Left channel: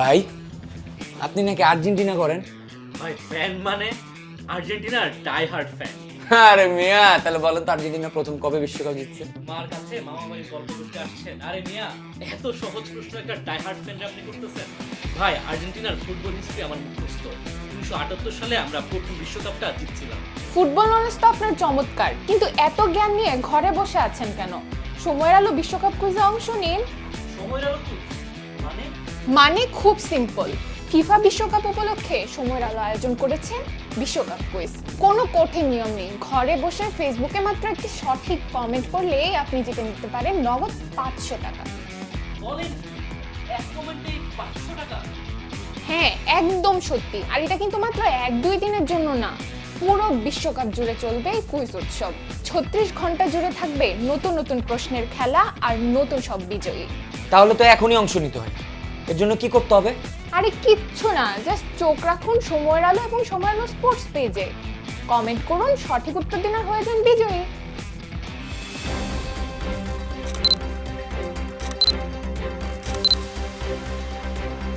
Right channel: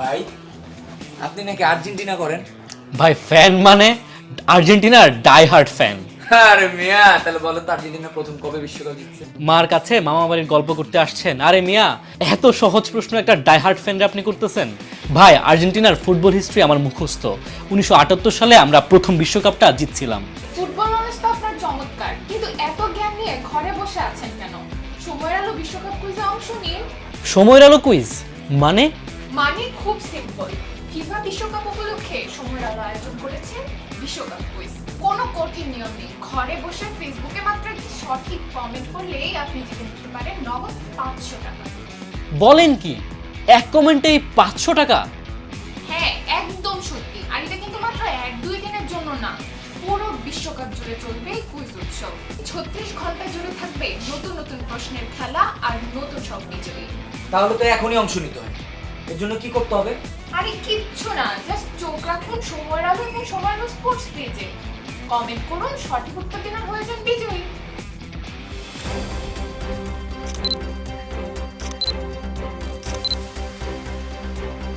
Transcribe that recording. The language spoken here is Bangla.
ভাই আপনি নাকি আর্জেন্টিনা করেন? ভাই ফ্যান মানে আর্জেন্টিনার ডাই হার্ড ফ্যান। আরে মিয়া, তাহলে বলেন তো আর্জেন্টিনা প্রথম কবে বিশ্বকাপ জিতছে? মার কাছে মামা বাড়ির গল্প করতে আসছেন? আরে মিয়া, এত সহজ প্রশ্ন একটা ডাই হার্ড ফ্যানরে আপনি করতেছেন? ভাই আর্জেন্টিনার ফুটবল হিস্ট্রি আমার মুখস্থ। 1978 সালে আমরা প্রথম বিশ্বকাপটা জিতছিলাম। ফুটবল নলেজ তো আপনার চমৎকার, কিন্তু এত জ্ঞান নিয়ে ঘরে বসে আছেন কেন? সময়ের আলো বিশ্বকাপ কুইজে অংশ নিন। সময়ের আলো কুইজ মানে? মানে খুব সিম্পল। ফিফা বিশ্বকাপ উপলক্ষে সময়ের আলো আয়োজন করেছেন বিশ্বকাপ কুইজ। কোনো কঠিন নিয়ম নেই, ঘরে বসে ফেসবুকে মাত্র একটি সঠিক কমেন্ট করলেই আপনি জিতে নিতে পারেন নগদ 500 টাকা। বলেন কি, এক কমেন্টেই 500 টাকা? হ্যাঁ একদম সত্যি। আর এটা কিন্তু মাত্র 1-2 দিনের জন্য না, পুরো বিশ্বকাপ জুড়ে চলবে এই কুইজ উৎসব। 36 ঘন্টা জুড়ে থাকবে নতুন নতুন প্রশ্নের খেলা আর নতুন সব বিজয়ী। তাহলে তো এখনই অংশ নিতে হয়। এর জন্য কি করতে হবে? আরে কিচ্ছু না, জাস্ট চোখ রাখুন সময়ের আলো এবং সময়ের আলো স্পোর্টস পেজে। কমেন্ট করুন, সঠিক উত্তর দিন আর হয়ে যান বিজয়ী।